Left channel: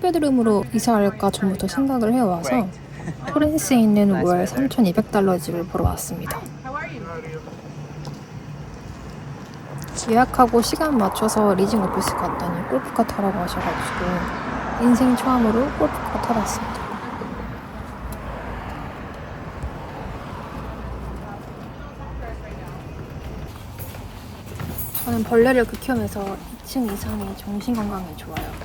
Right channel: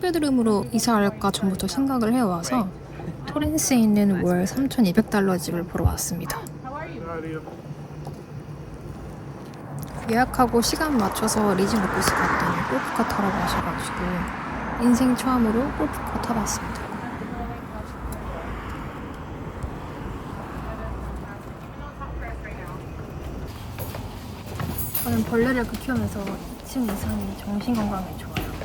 투베드룸으로 이사할까 전부터 생각을 해와서 토렌스에 있는 월 3,200달러 집을 보러 왔습니다. 예약하고 시간 맞춰서 리징 오피스 갔더니 골프카 타라고 하셔가지고 인생 처음으로 골프카 타봤습니다. 저는 벌레를 극혐해서 2층 이상이 정신건강에 좋아요.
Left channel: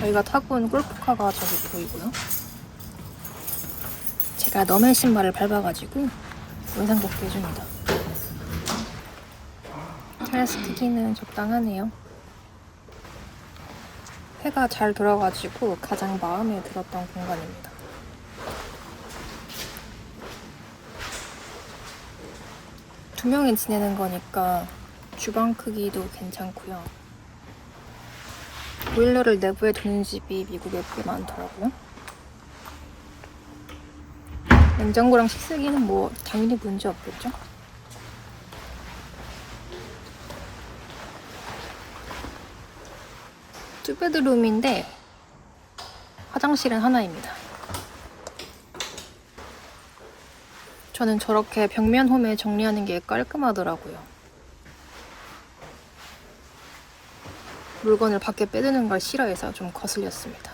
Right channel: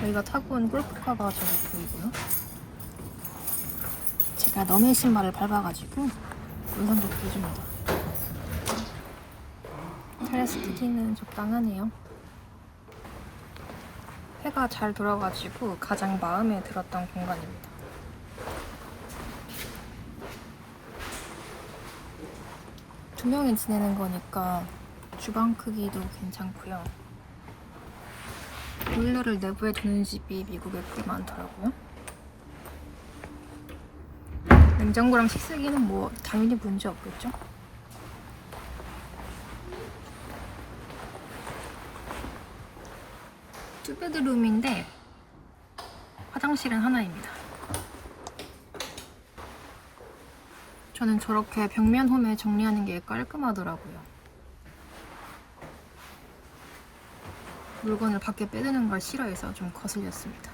저희가 타고 온 골프카가 저기 보이고요. 제가 너의 신발을 밟아가지고 인상 좋게 해줍니다. 테라스 크기는 적당하네요. 해가 잘 들어가지고 가장 마음에 들었던 공간입니다. 두 명이 지내는 거니까 주방 크기도 괜찮고요. 보일러를 내부에 두는 집이 미국에 꽤 많더라고요. 냉장고랑 식세기는 뭐 당연히 문제 없겠죠? 투베드룸인데 화장실은 하나입니다. 저는 저렇게 벽면 홈에 정리하는 게 깔끔하더라고요. 물건을 밖에 빼드는 걸 싫어해서 좀 거슬렸습니다.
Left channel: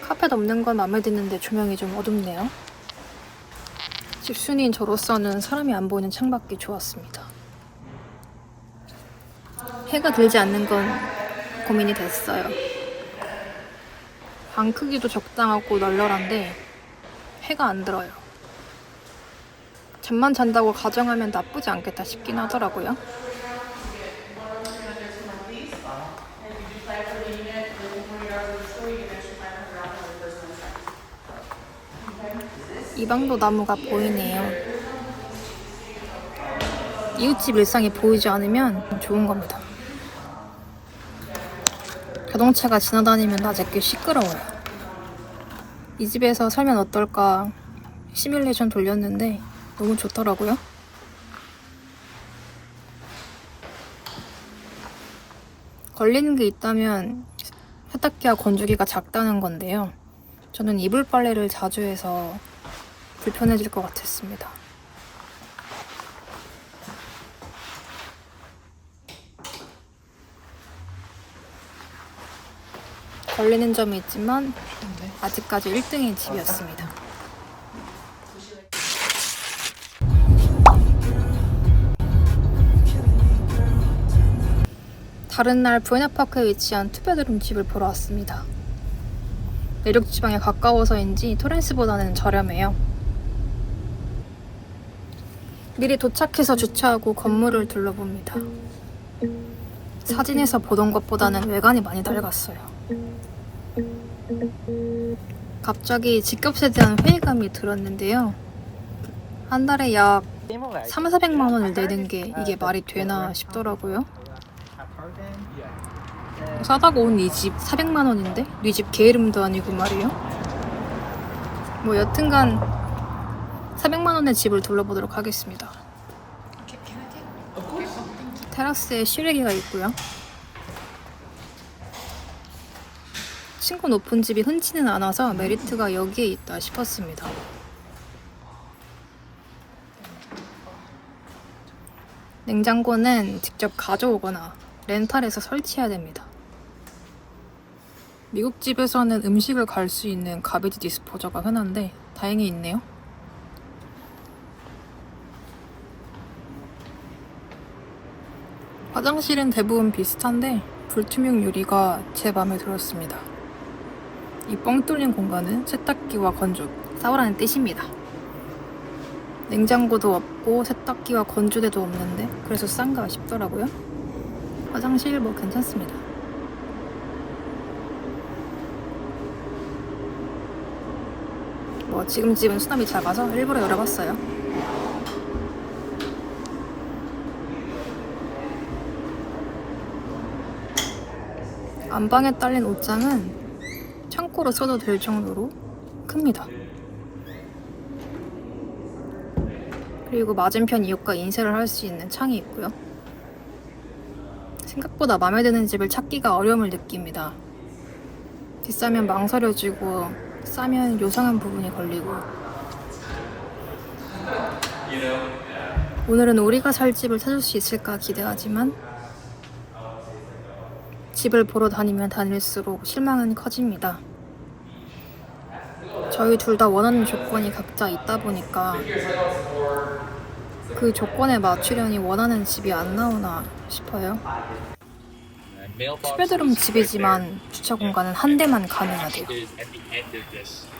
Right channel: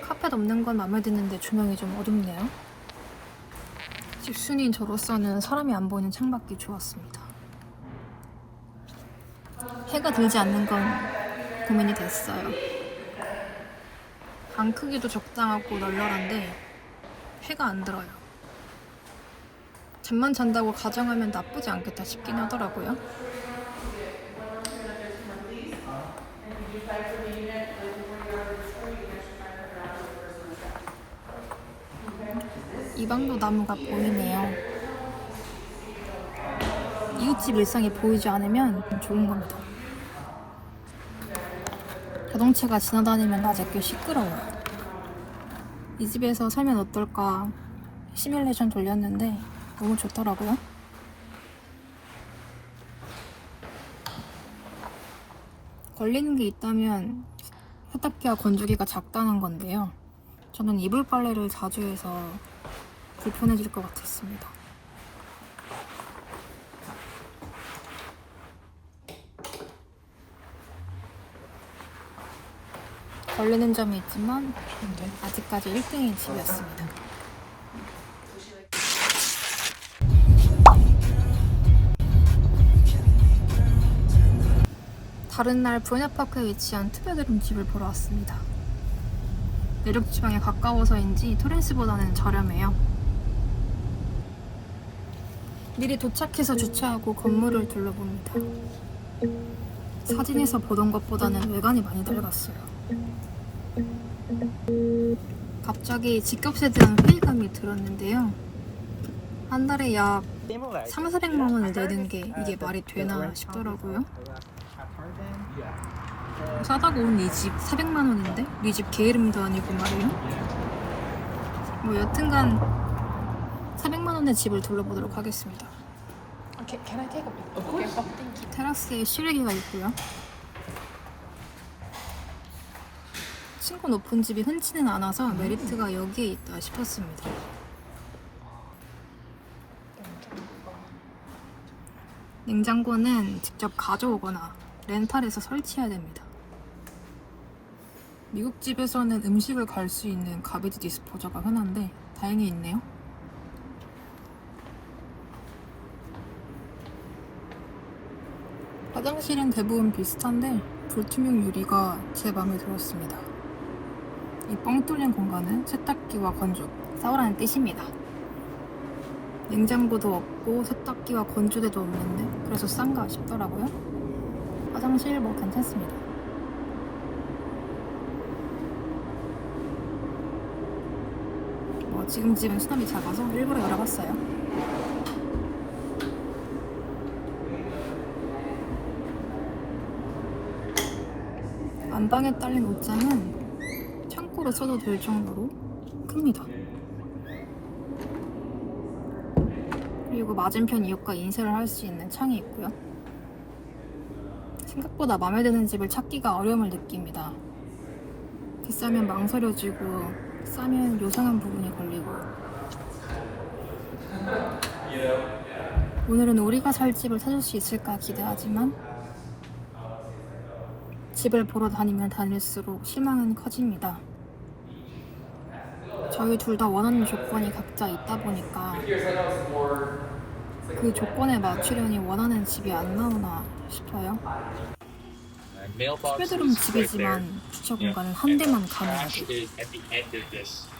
카펫 없는 건 마음에 드는데 조명이 좀 어둡네요. 집순이인 저로서는 사람이 안 보이는 창밖이 좋았습니다. 해가 들지 않는 건 고민이 됐어요. 방 크기도 적당하고 널널한데 해가 안 들어요. 잠만 잔다고 가정하면 나쁘지 않겠다 싶긴 하더라고요. 이 방도 나무가 보이네요. 이웃집 일상이 보이지 않으면 좋은 겁니다. 자동차가 지나다니면 낮에 꽤 시끄러워요. 이 집에서 살면 어떨까 시뮬레이션 돌렸는데 너무 좋더라고요. 걸리는 게 있다면 세탁기와 건조기가 작다는 건데요. 저는 이불 빨래를 자주 해서 불편해질 것 같았습니다. 걸리는 점이 있지만 아직까지 1등의 집이었습니다. 다른 날 부에나파크에 위치한 투베드룸 집을 보러 왔습니다. 내륙 지방에 가까워서인지 토렌스보다는 저렴해요. 미리 도착해서 주차하고 건물을 둘러봅니다. 사진에서 보던 것보다는 외관이 많이 낡았어요. 갑자기 집값에 대한 회의감이 들었는데요. 한 달에 약 3,400만 원을 내는 게 이게 말이 되나 싶더라고요. 싸다고 온 이 집 400만 원인데? 네 집 개 이름도 아니고 말이에요. 뭐 여튼간 400만 원의 집을 둘러보도록 하겠습니다. 테라스에 실외기가 있고요. 층고 높은 집이 흔치는 않아서 메리트가 여기에 있다 싶었습니다. 냉장고는 직접 가져오거나 렌탈해서 설치해야 됩니다. 미국 집에서는 음식을 갈 수 있는 가베지 디스포저가 흔한데 다행히 있네요. 화장실은 대부분 비슷한데 불투명 유리가 제 마음에 들었습니다. 이 뻥 뚫린 공간은 세탁기와 건조, 싸우라는 뜻입니다. 냉장고도 없고 세탁기와 건조대도 없는데 그래서 싼가 싶더라고요. 화장실 뭐 괜찮습니다. 뭐 지금 집은 수납이 작아서 일부러 열어봤어요. 안방에 딸린 옷장은 창고로 써도 될 정도로 큽니다. 그리고 맞은편 이웃과 인사를 할 수 있는 창이 있고요. 생각보다 마음에 드는 집을 찾기가 어려움을 느낍니다. 비싸면 망설여지고 싸면 요상한 부분이 걸리고. 오늘은 우리가 살 집을 찾을 수 있을까 기대하지만 집을 보러 다니면 다닐수록 실망은 커집니다. 저희 둘 다 원하는 조건이 각자 있다 보니까 그 조건에 맞추려니 원하는 집이 안 나오나 싶어요. 투베드룸 집이지만 주차 공간은 한 대만 가능해야 돼요.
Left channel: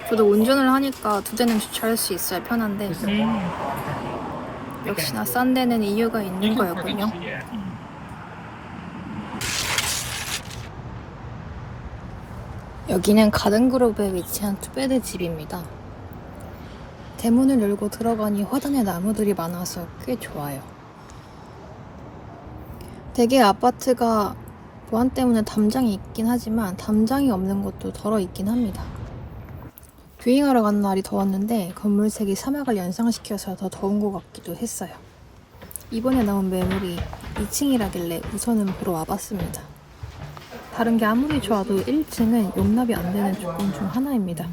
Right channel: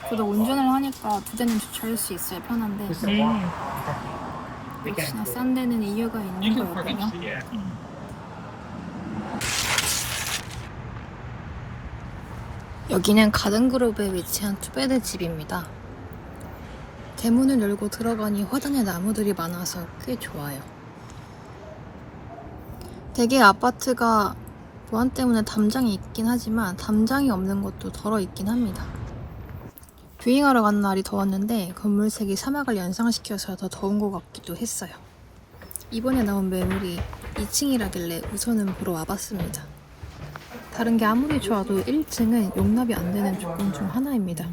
저도 운전을 하니까 두 대는 주차할 수 있어야 편한데 역시나 싼 데는 이유가 있는 거였군요. 여기는 가든그룹에 위치한 투베드 집입니다. 대문을 열고 들어가니 화단에 나무들이 많아서 꽤 좋아요. 대개 아파트가 보안 때문에 담장이 있긴 하지만 담장이 없는 곳도 덜어 있긴 합니다. 뷰잉하러 간 날이 더웠는데 건물색이 사막을 연상시켜서 더 더운 것 같기도 했어요. 이번에 나온 매물이 2층이라길래 우선은 보러 와봤습니다. 다른 게 아무리 좋아도 1층은 용납이 안 되는 조건 중 하나입니다.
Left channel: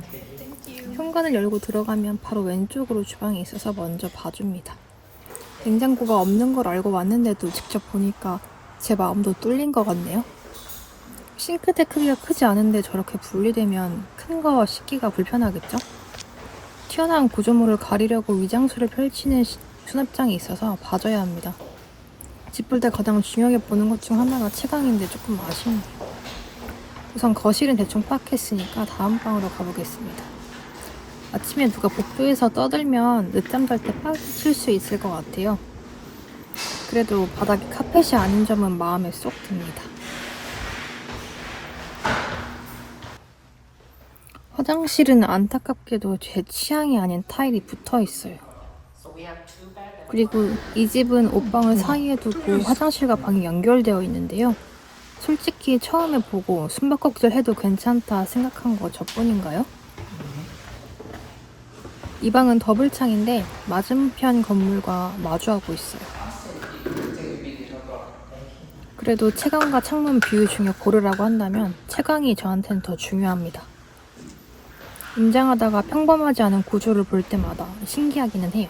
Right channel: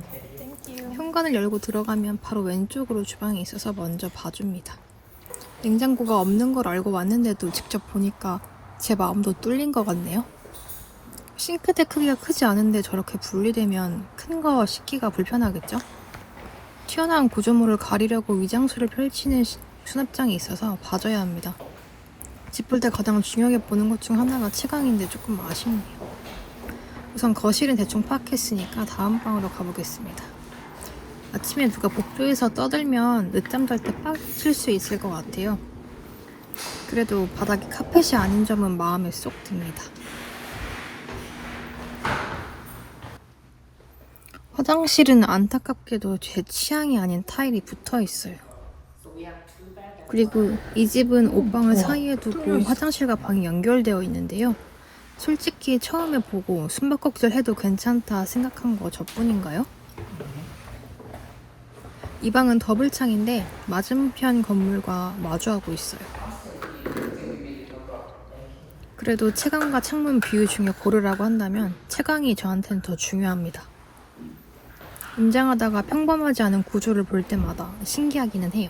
현관을 열고 들어가면 바로 왼쪽으로 주방이 있어서 먼저 봐줍니다. 냉장고가 없는 걸 알고 왔는데도 직접 보니까 제 마음도 뚫린 것 같네요. 싱크대 크기가 크지 않은데 저렇게 분리되면 큰 거 씻기가 불편하겠죠? 튀어나온 구조물을 가리려고 위장술을 펼치는 수납장이 있어서 봐줘야 합니다. 집 볼 때 가장 중요하게 보는 것 중 하나가 채광인데 조금 아쉽네요. 우선 거실은 대충 파악했으니까 다음 방으로 가보겠습니다. 아침에 누가 복도에서 떠들면 늦잠 잘 때 빡 칠 수 있을 것 같아요. 그래도 바닥이 카펫이 아닌 점은 마음에 쏙 듭니다. 화장실은 안타깝게도 제 취향이 아닌 타일이 붙어 있어요. 그리고 이 집은 옷방을 사이에 두고 화장실과 방이 연결되어 있는데요. 솔직히 처음에 보고 숨바꼭질 해도 괜찮다 생각한 거 저뿐인가요? 이 방은 더블창인데 맞은편 건물과 마주하고 있어요. 그래도 채광과 창문 비율 중에 고르라고 한다면 채광이 저한테는 더 중요합니다. 임장하다가 평범하지 않은 구조를 볼 때마다 신기하기는 해요.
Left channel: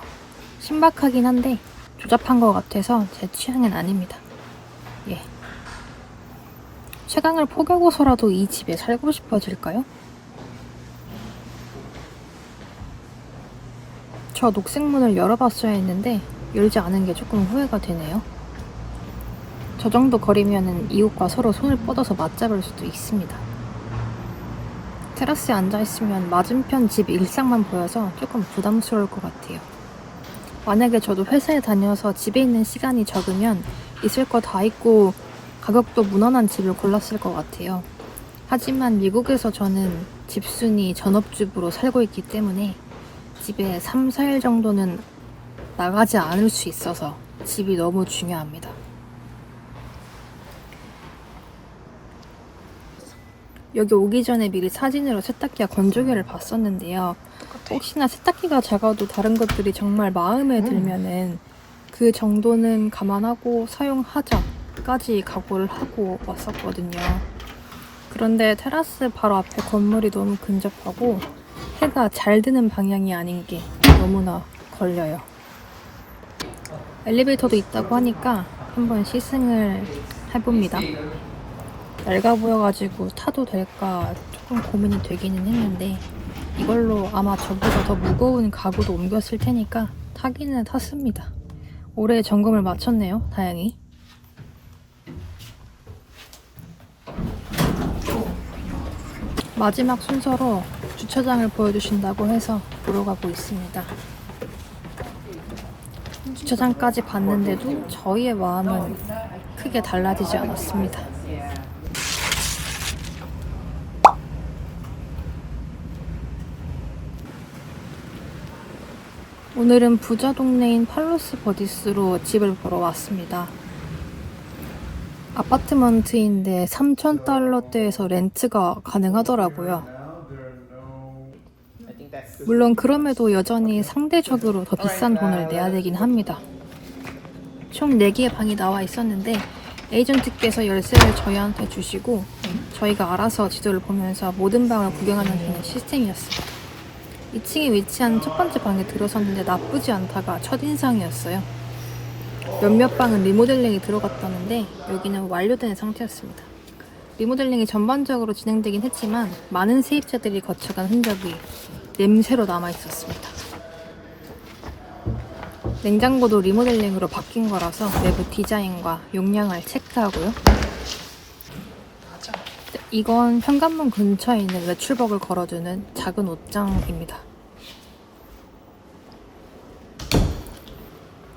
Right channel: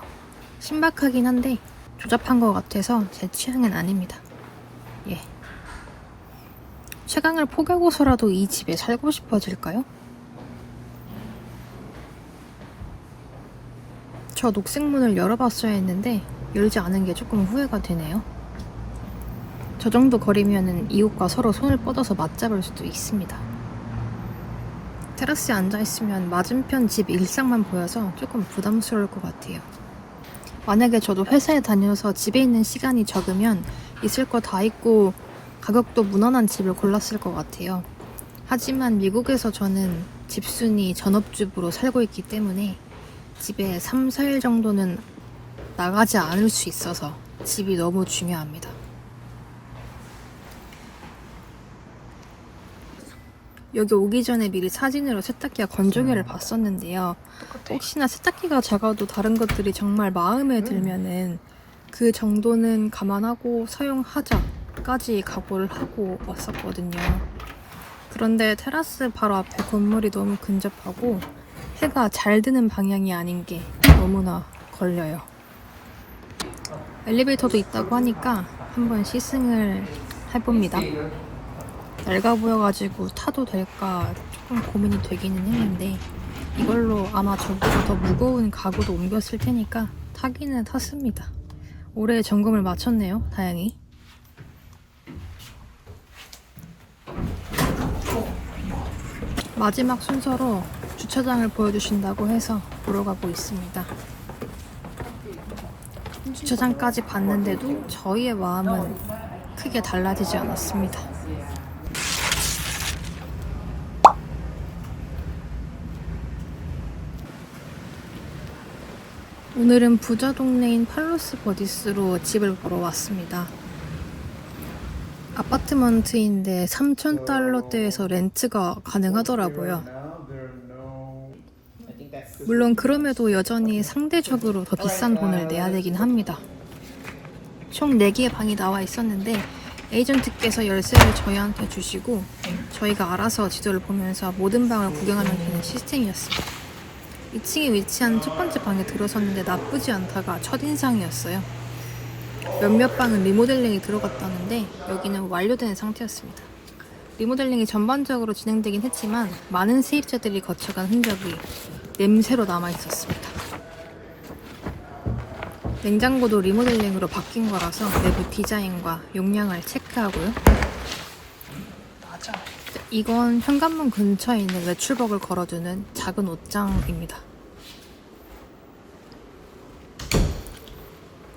신박하긴 한데 조잡한 것 같아서 제 취향은 아닙니다. 예. 채광을 포기하고서라도 이 집에 살고 싶어질까요? 저 녹색문을 열어봤어야 했는데 열지 않은 게 조금 후회가 되네요. 저 정도 거리면은 이웃과 서로 손을 뻗어서 맞잡을 수도 있습니다. 테라스에 앉아있으면 맞은편 집 일상만 보여서 조금 부담스러울 것 같아요. 만약에 저도 회사에 다녀서 집에 있는 시간이 적으면 있을 거 다 있고 가격도 무난한 집을 골랐을 것 같아요. 하지만 미국에서 저는 집순이 전업주부로 살고 있기 때문에 집에 3, 4일 정도는 나가지 않을 수 있어서 집이 너무 중요합니다. 여기 오기 전에 미리 사진으로 세탁기와 건조기를 봤었는데요. 혹시나 세탁기가 작아도 다른 것들이 정말 마음에 들면은 그 정도는 감안하고 사용하자까지 각오를 하고 왔었거든요. 그런데 테라스 바로 앞에 건물이 너무 근접하고 해가 잘 드는 방향이 아닌 게 너무나 걸려요. 엘리베이터도 있다고 하니까 한번 시승을 해봅니다. 낡아 보여가지고 타도 될까 조금 고민이 되기는 했는데 이걸로 아마 저보다 더 무거운 가구도 옮겼을 테니까 타기는 탔습니다. 올해 점검을 마쳤네요, 다행히. 마지막 순서로 주차장을 보여주신다고 해서 보러 가고 있습니다. 주차장까지 봤는데도 저희의 마음은 크게 달라지지 않았습니다. 오늘은 부자 동네인 팔로스 버디스로 집을 보러 왔습니다. 아파트먼트인데 $3,000대에서 렌트가 가능하더라고요. 물론 그럼에도 여전히 상대적으로 더 비싼 돈을 내야 되긴 합니다. 총 4개의 방이 나와 있었는데 에이전트께서 열쇠를 저희한테 주시고 저희가 알아서 지도를 보면서 모든 방을 구경하는 시스템이었습니다. 2층에 위치한 첫 번째 방에 들어섰는데 나쁘지 않다가 첫인상이었어요. 몇몇 방은 리모델링이 들어갔다는데 여기는 완료된 상태였습니다. 리모델링이 전반적으로 진행되긴 했지만 많은 세입자들이 거쳐간 흔적이 냄새로 남아있었습니다. 냉장고도 리모델링으로 바뀐 거라서 내부 디자인과 용량을 체크하고요. 맞아. 이건 현관문 근처에 있는 외출복을 걸어두는 작은 옷장입니다.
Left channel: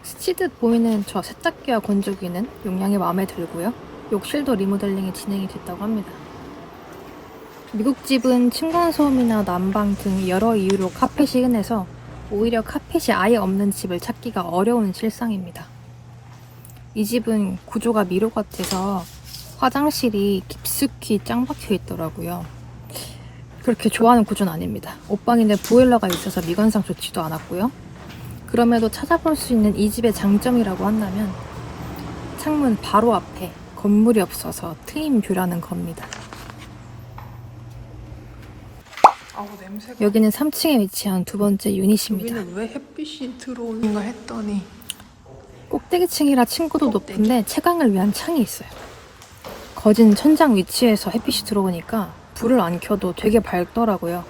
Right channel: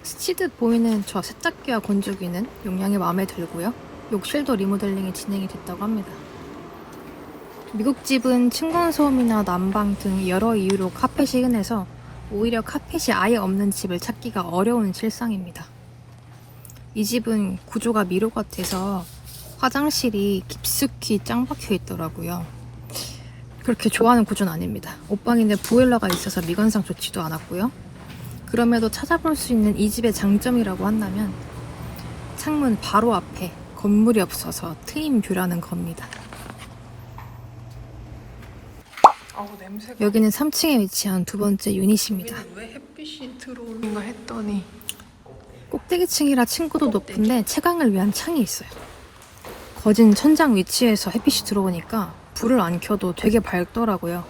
스치듯 보이는 저 세탁기와 건조기는 용량이 마음에 들고요. 욕실도 리모델링이 진행이 됐다고 합니다. 미국 집은 층간소음이나 난방 등 여러 이유로 카펫이 흔해서 오히려 카펫이 아예 없는 집을 찾기가 어려운 실상입니다. 이 집은 구조가 미로 같아서 화장실이 깊숙이 짱 박혀 있더라고요. 그렇게 좋아하는 구조는 아닙니다. 옷방인데 보일러가 있어서 미관상 좋지도 않았고요. 그럼에도 찾아볼 수 있는 이 집의 장점이라고 한다면 창문 바로 앞에 건물이 없어서 트임 뷰라는 겁니다. 아우 냄새가. 여기는 3층에 위치한 두 번째 유닛입니다. 여기는 왜 햇빛이 들어오는가 했더니 꼭대기층이라 층고도 높은데 채광을 위한 창이 있어요. 거진 천장 위치에서 햇빛이 들어오니까 불을 안 켜도 되게 밝더라고요.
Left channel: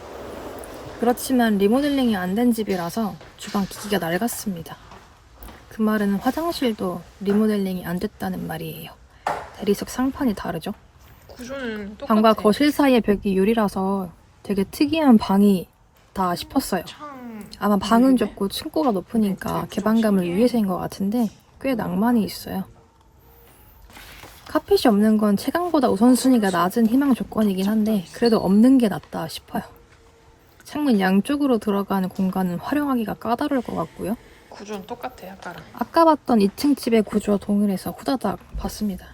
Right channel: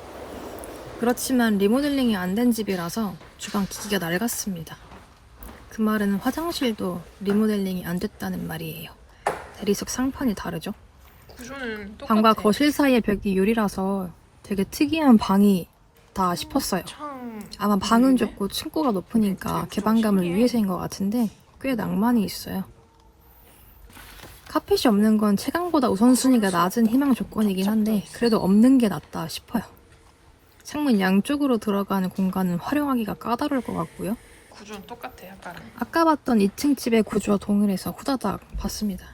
그렇지만 리모델링이 안 된 집이라서 주방 기기가 낡았습니다. 그 말은 화장실도 리모델링이 안 됐다는 말이에요. 대리석 상판이 다르죠? 구조는 똑같아. 방과 거실 사이의 벽이 유리라서 되게 특이한 방이다 싶었어요. 아마 방은 좁고 층고가 높으니까 개방감을 위해서인 것 같은데 꽤 낭만이 있어요. 카펫이 없는 건 채광보다 우선순위가 낮은 희망 조건이긴 한데 그래도 없는 게 낫다 싶어요. 창문 양쪽으로 들어가는 공간은 활용하기가 까다로울 것 같고요. 구조는 똑같아 아까랑. 아까 봤던 2층 집의 구조와 동일해서 후다닥 봤습니다.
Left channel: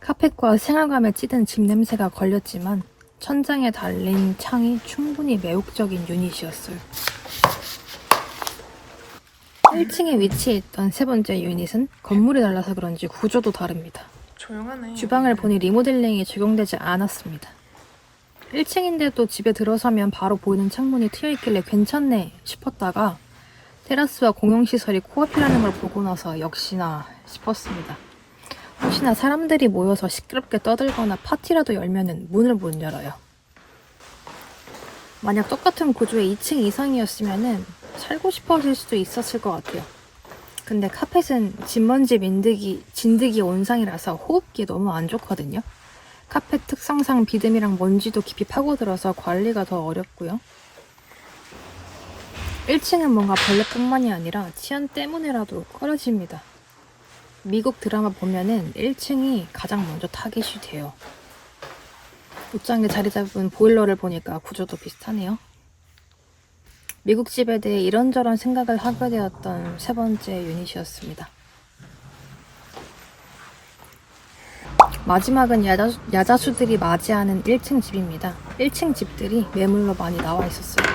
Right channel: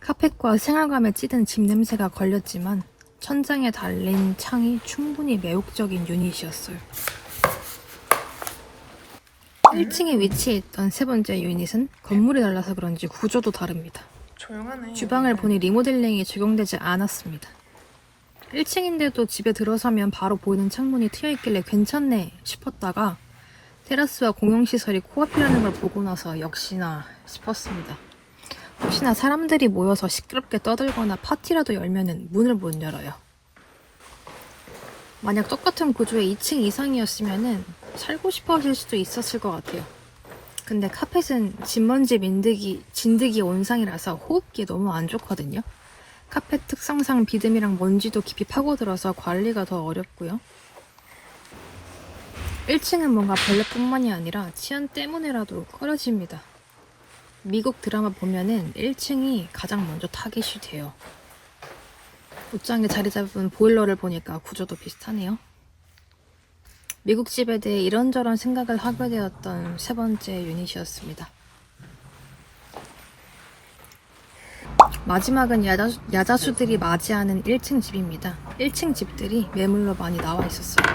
카펫과 생활감에 찌든 집 냄새가 걸렸지만 천장에 달린 창이 충분히 매혹적인 유닛이었어요. 1층에 위치해 있던 세 번째 유닛은 건물이 달라서 그런지 구조도 다릅니다. 조용하네. 주방을 보니 리모델링이 적용되지 않았습니다. 1층인데도 집에 들어서면 바로 보이는 창문이 트여있길래 괜찮네 싶었다가 테라스와 공용시설이 코앞이라는 걸 보고 나서 역시나 싶었습니다. 혹시나 사람들이 모여서 시끄럽게 떠들거나 파티라도 열면은 문을 못 열어요. 만약 똑같은 구조의 2층 이상이었으면은 살고 싶어 하실 수도 있었을 것 같아요. 근데 카펫은 진먼지 진드기 온상이라서 호흡기 너무 안 좋거든요. 카펫 특성상 비듬이랑 먼지도 깊이 파고들어서 관리가 더 어렵고요. 1층은 뭔가 벌레뿐만이 아니라 치안 때문에라도 꺼려집니다. 미국 드라마 보면은 1층이 가장 먼저 타겟이 돼요. 옷장에 자리 잡은 보일러를 보니까 구조도 비슷하네요. 미국 집에 대해 이런저런 생각을 하게 되었던 세 번째 유닛이었습니다. 마지막은 야자수들이 맞이하는 1층 집입니다. 1층 집들이 매물로 많이 나와 있었어요.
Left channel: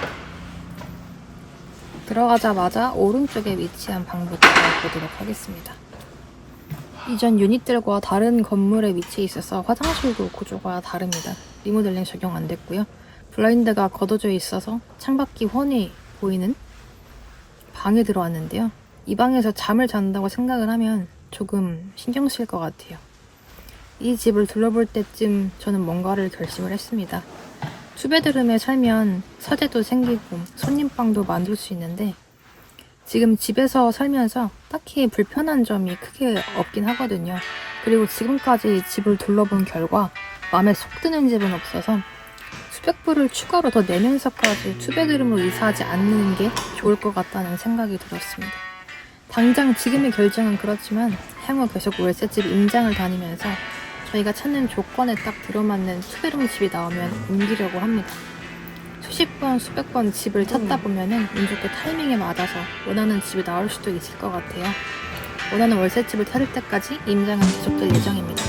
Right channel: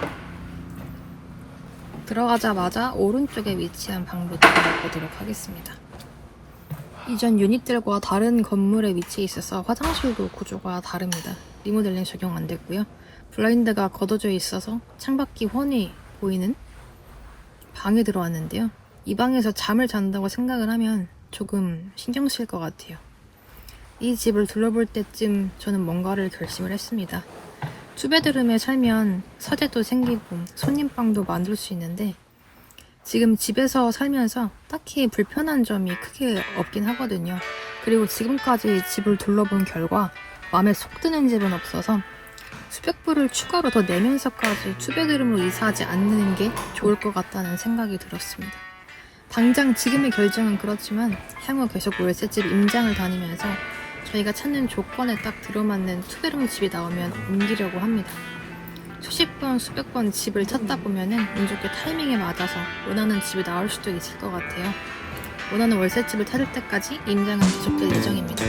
들어가자마자 오른쪽에 위치한 방부터 보도록 하겠습니다. 이전 유닛들과 다른 건물에 위치해 있어서 화장실도 구조가 다릅니다. 리모델링 적용 안 됐고요. 블라인드가 걷어져 있어서 창밖이 훤히 보이는 방에 들어왔는데요. 이 방에서 잠을 잔다고 생각을 하면 조금 신경 쓸 것 같아요. 이 집을 둘러볼 때쯤 저는 뭔가를 결심을 했습니다. 투베드룸에 살면 서재도 생기고 손님방도 만들 수 있는데 지금 집에서 살면서 딱히 불편한 점이 크게 없긴 하거든요. 그리고 지금까지 집을 둘러본 결과 마음에 속 드는 집은 없어서 수백 불을 추가로 더 내면서까지 투베드룸으로 이사하지 않는 게 좋을 것 같다는 생각이 들었습니다. 당장 지금의 결정은 그렇지만 향후 계속 월세집 임장을 다니면서 저희가 찾는 조건에 딱 들어맞는 투베드룸 집이 나오면 옮기려고 합니다. 수십 번, 수백 번 집을 찾다 보면은 운 좋게 타이밍에 맞아서 원하는 집이 나올 수도 있을 것 같아요. 원하는 월세집을 찾을 때까지 임장은 계속될 예정입니다.